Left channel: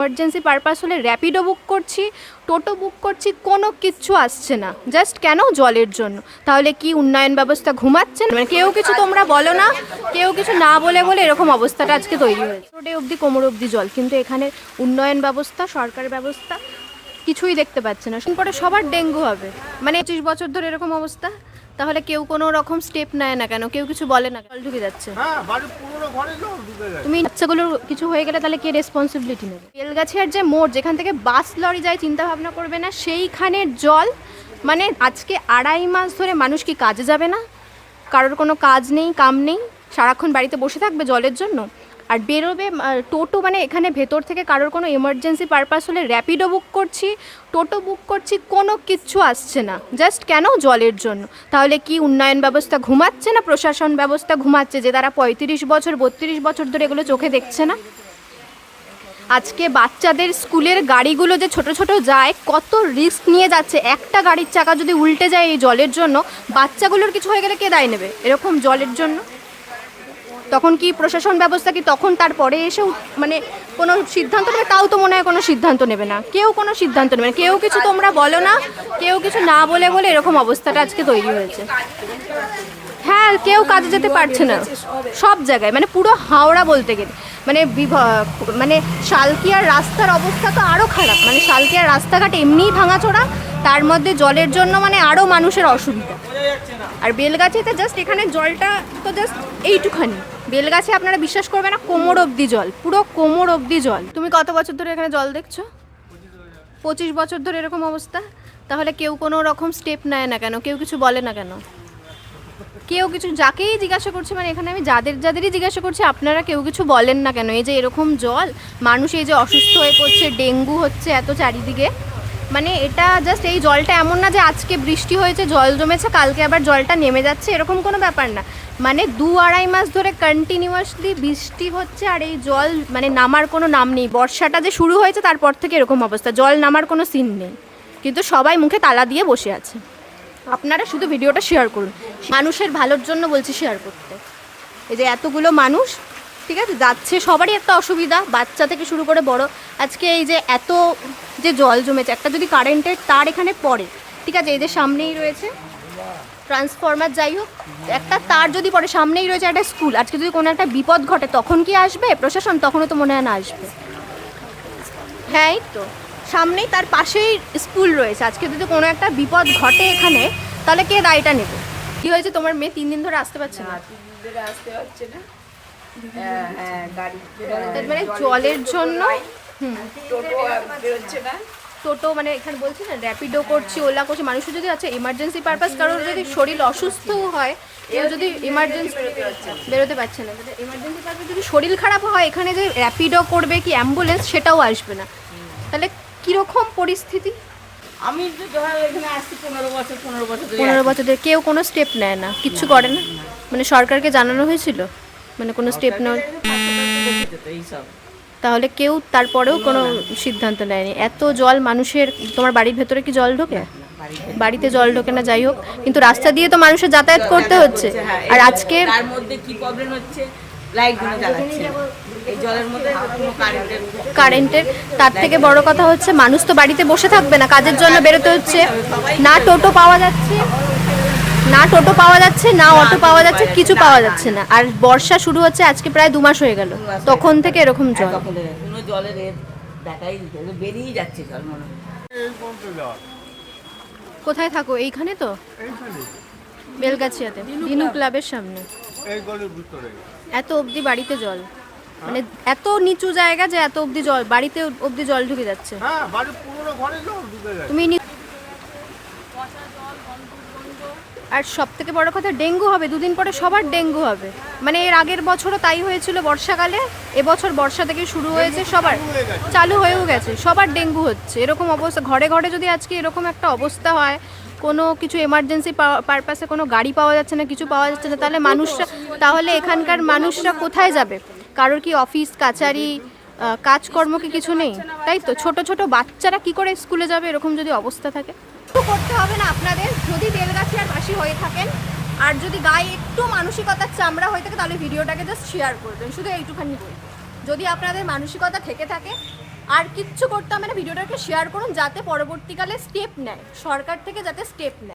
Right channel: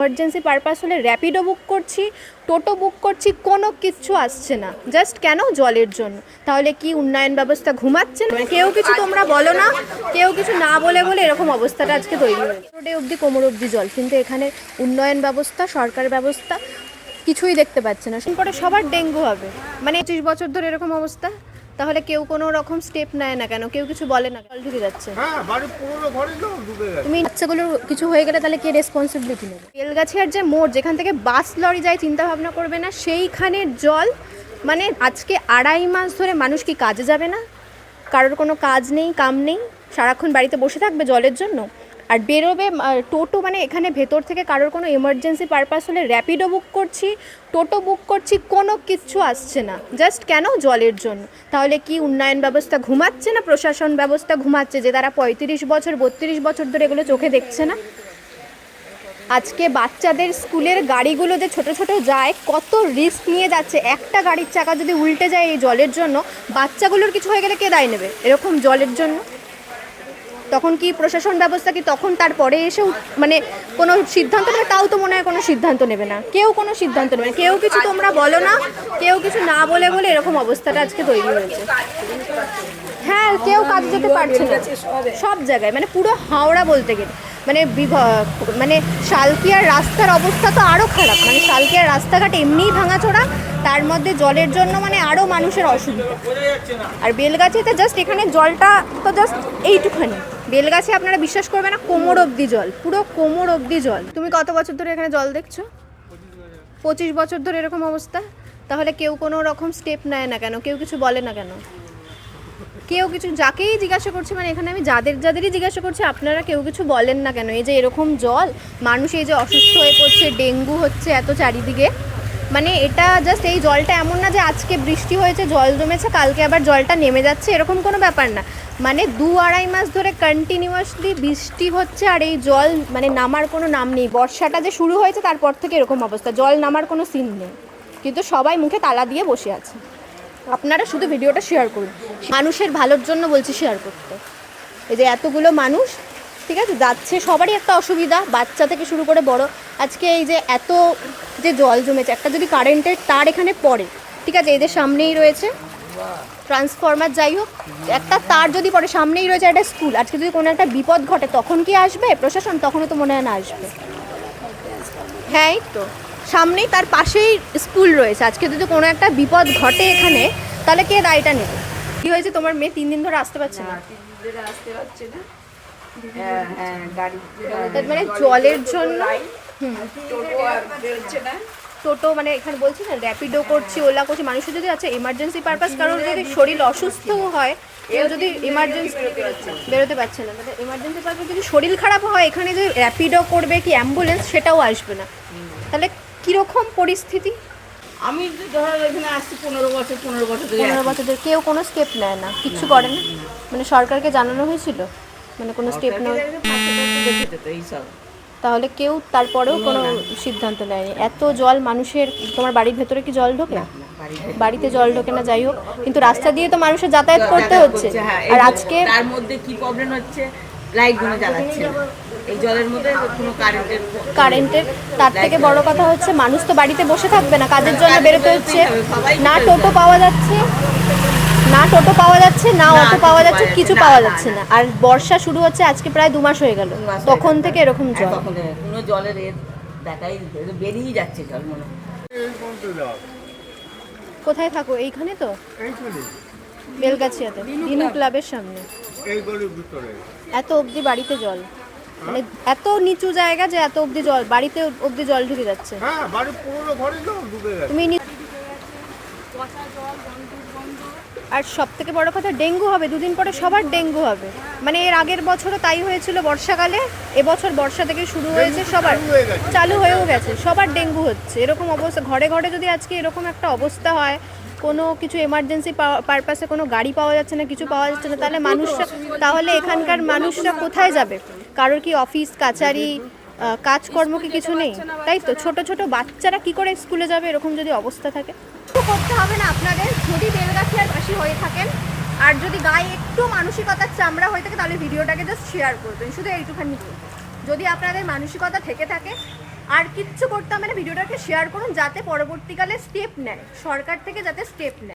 Emergency purpose হলে র্যাপিডো বুক করছি, টোটো বুক করছি, কোনো কিচ্ছু আসছে না। জাস্ট কেন? জলের জন্য। তাহলে কি উন্নয়ন ব্যবস্থা ঘুমাচ্ছে? মানে কেউ কিছু তোমরা বলো না, কেউ কিছু না বলে বলে এরকম অবস্থাটা আজকে তৈরি হয়েছে। রোডে অবধি কোমর অবধি জল, কিন্তু এখানে উন্নয়ন ব্যবস্থা, সরকার ব্যবস্থা কিছুই দেখতে পাচ্ছে না। পরে সবার ডেঙ্গু হবে। মানে 25 বছর ধরে এরকম অবস্থা, তাহলে কেউ কোনো রকম স্টেপ নেয় না কেন? কেউ কিছু বলে না? জল ঢুকে যাচ্ছে, তুমি বাচ্চাগুলো কিছু হয়ে গেলে তাহলে কে রেসপন্সিবিলিটি নেবে? বেলগাছিয়ার যে মোড়, যেখান থেকে বাস লরি যায়, চিন্তা ভাবনা করবে না সেইখানের জল। মানে আজকে 2.5 মাস ধরে মানুষ কি কাজে যাবে না? কারোর কোনো কাজ নেই, কাম নেই, সারাক্ষণ বাড়িতে বসে থাকবে জলের জন্য। আর বেরোবে টোটো, মানে এখানে ভেতর থেকে কারোর কোনো এমার্জেন্সি পারপাস হলে র্যাপিডো বুক করছি, টোটো বুক করছি, কোনো কিচ্ছু আসছে না। জাস্ট কেন? জলের জন্য। তাহলে কি উন্নয়ন ব্যবস্থা ঘুমাচ্ছে না প্রশাসন ব্যবস্থা ঘুমাচ্ছে, যে তারা 35 বছর 32 বছর ধরে এগুলো চোখে দেখছে না? আজকে বাচ্চাদের স্কুলের গাড়িগুলো যে ছোট ছোট যায়, কত রিস্ক নিয়ে যাচ্ছে। একটা গাড়ির চাকা যদি উল্টে যায় এই জলের জন্য, বাচ্চাগুলোর কিছু হয়ে গেলে কে দায় নেবে এরকম জলের জন্য? তখন কি প্রশাসন ব্যবস্থা কি তখন তারপরে এসেও মানে কোনো সিদ্ধান্ত নেবে? তাও তো মনে হয় কোনো সিদ্ধান্ত নেবে না, কেউ কোনো সিদ্ধান্ত নেবে না। কেউ কিছু তোমরা বলো না, কেউ কিছু না বলে বলে এরকম অবস্থাটা আজকে তৈরি হয়েছে। হ্যাঁ, কেউ কাজে যেতে পারছে না সব জায়গায়, মানে পুরো হাওড়া বলতে গেলে। মানে মানে শালকিয়ার রাস্তার অবস্থা তো আরও খারাপ। মানে শালকিয়ার রাস্তাঘাট এমনিই ভাঙাচোরা, তার মধ্যে জলের জন্য মানে আরও মানুষের অসুবিধা। আর বেলগাছিতে জাস্ট এখানে জলটা তো জাস্ট এইটুখানি। বেলগাছি আপনারা বিশ্বাস করবে না, কোমর অবধি জল, পুরো কোমর অবধি জল। তুমি কত বছর ধরে এখানে জল দেখছো? 25 বছর ধরে এরকম অবস্থা, তাহলে কেউ কোনো রকম স্টেপ নেয় না কেন? কেউ কিছু বলে না কেন? কেউ কিছু, যাকেই জিজ্ঞাসা করছি, মানে এখানে আমি যাদেরই জিজ্ঞাসা করছি, আপনারা কেউ কিছু বলেন না কেন? এই যে এরকম জল, মানুষ এই যে অসুস্থ হয়ে পড়ছে, ডেঙ্গু হচ্ছে এত চারিদিকে। মানে এটা জাস্ট, এই জলটা এমন না যে আজকে বৃষ্টি হয়েছে জল জমেছে কালকে আবার জলটা নেমে যাচ্ছে, এরকম কোনো ব্যাপার না। মানে 2-2.5 মাস ধরে কন্টিনিউয়াসলি বৃষ্টি হচ্ছে, আর এই জল মানে নামার কোনো নাম নেই। বর্ষাটা যে শুরু হয়েছে তারপর থেকে এরকম অবস্থা, জল নামার কোনো সিন নেই, কিন্তু সবাই মুখে তালা দিয়ে বসে আছে। আপনারা শুধু ভিডিওটা শেয়ার করুন, মানুষের ভালোর জন্য বলছি শেয়ার করতে। এই যে এতগুলো মানুষ, ঠিক আছে, যাচ্ছে, সবারই একটা অসুবিধা, বাচ্চা থেকে শুরু করে বড়। আজকে এই যে এত যে জল জমেছে, একটা যদি কারেন্টের তার এখানে পড়ে, ঠিক আছে, এদের সামনেই রয়েছে ট্রান্সফরমার, যাই হোক, একটা তার যদি পড়ে, সামনেই রয়েছে একটা স্কুল, আজকে যদি কোনো একটা বিপদ ঘটে তখন কি আসবে প্রশাসন? তখনও তো মনে হয় না আসবে। হ্যাঁ, তো সামনেই তার পাশেই স্কুল রয়েছে, আজকে যদি কোনো একটা বিপদ ঘটে এখানে, তাহলে কে দায়টা নেবে? কি হয়েছে তোমার মেয়ে 3 দিন ধরে আসতে পারছে না? মানে জলের জন্য টোটো, মানে এখানে বলছি না, র্যাপিডো করছি, ওলা করছি। মানুষের যদি আছে এমার্জেন্সি পারপাস, কারোর যদি শরীর অসুস্থও হয়, কেউ যদি এমার্জেন্সি বেরোতে পারছে না, তাহলে এমার্জেন্সি পারপাস যদি শরীর খারাপ হয়, এখানে যে র্যাপিডো করবে কি অ্যাম্বুলেন্স, সেটাও আসবে না। তাহলে কীরকম পরিস্থিতি? আমি ধরো এখানে আসছি 15 বছর ধরে কেউ কোনো স্টেপ নেয় না, কিচ্ছু করে না। মানে সরকারকে জানানো হয়েছিল, মানে কোনো স্টেপ নেই, তাহলে কেউ তারপরেও কোনো সিদ্ধান্ত নেয়নি। এত জল মানুষের, তোমার বাড়ির ভেতরে কি জল ঢোকে? বাড়িতে জল ঢোকে না, যাই হোক, কিন্তু রাস্তা দিয়ে তো মানুষের যাতায়াত করতে হচ্ছে। আর আজকে তার মধ্যে কি প্রবলেম হচ্ছে, লাইটগুলো জ্বালাচ্ছে না, এই জলের মধ্যে কোনো কারেন্টের। তার থেকে বড় কথা হচ্ছে, মানুষ তো বাড়িতে বসে থাকবে না, কাজের জন্য বেরোতে হচ্ছে। না টোটো পাওয়া যাচ্ছে, না অটো পাওয়া যাচ্ছে, কিছু পাওয়া যাচ্ছে না। আর বর্ষা শুরু হচ্ছে আজকে প্রায় 2 মাস হয়ে গেল, তখন থেকে এরকম জল, কোনো জলের দেখাই বেরিয়ে যাচ্ছে জল মনে হয়। কোথায় থাকো? এইখানে তো বেলগাছিয়াতে দিনু ক্লাবের সামনে, এত অবধি বাড়িতে জল, মানে এত নিচু জায়গা যে এত অবধি জল, বাড়িতে অবধি জল ঢুকে যাচ্ছে। তুমি আর সব থেকে বড় কথা, ডেঙ্গু হবে 2 দিন পরে, সবার ডেঙ্গু হবে। মানে এর আগের বছরও তাই হয়েছিল বর্ষাকালে, এবছর বর্ষা থেকে শুরু হয়েছে, সবার চালু হয়েও গেছে, সবার ডেঙ্গু হচ্ছে। এরকম অবস্থা, ঘরে ঘরে যদি আজকে এরকম একটা অবস্থা হয়, কোনো কিছু এমার্জেন্সি পারপাসে কোনো গাড়ি পাওয়া যাচ্ছে না, কিছু পাওয়া যাচ্ছে না, তাহলে এখানকার মানুষরা কোথায় যাবে? কারোর কি অফিস কাচারি কাজকর্ম কি কিছু নেই? তাই তো, ছোট ছোট বাচ্চারা কি করে স্কুলে যাবে এরকম যদি অবস্থা থাকে? কিছু করতে হবে না আপনাদের, যদি বেলগাছিয়ার বাসী হয়ে থাকেন, আর যদি গায়ে একটু মানসিকতার চামড়া হয়ে থাকে, তাহলে ভিডিওটাকে জাস্ট শেয়ার করবেন, শুধু এইটুখানি বলবেন। যদি আপনাদের মানসিকতা থেকে থাকে, আর কিচ্ছু করতে হবে না, ভিডিওটাকে শেয়ার করুন যাতে পরবর্তীকালে স্টেপ নেয়, সরকার থেকে যাতে স্টেপ নেয়।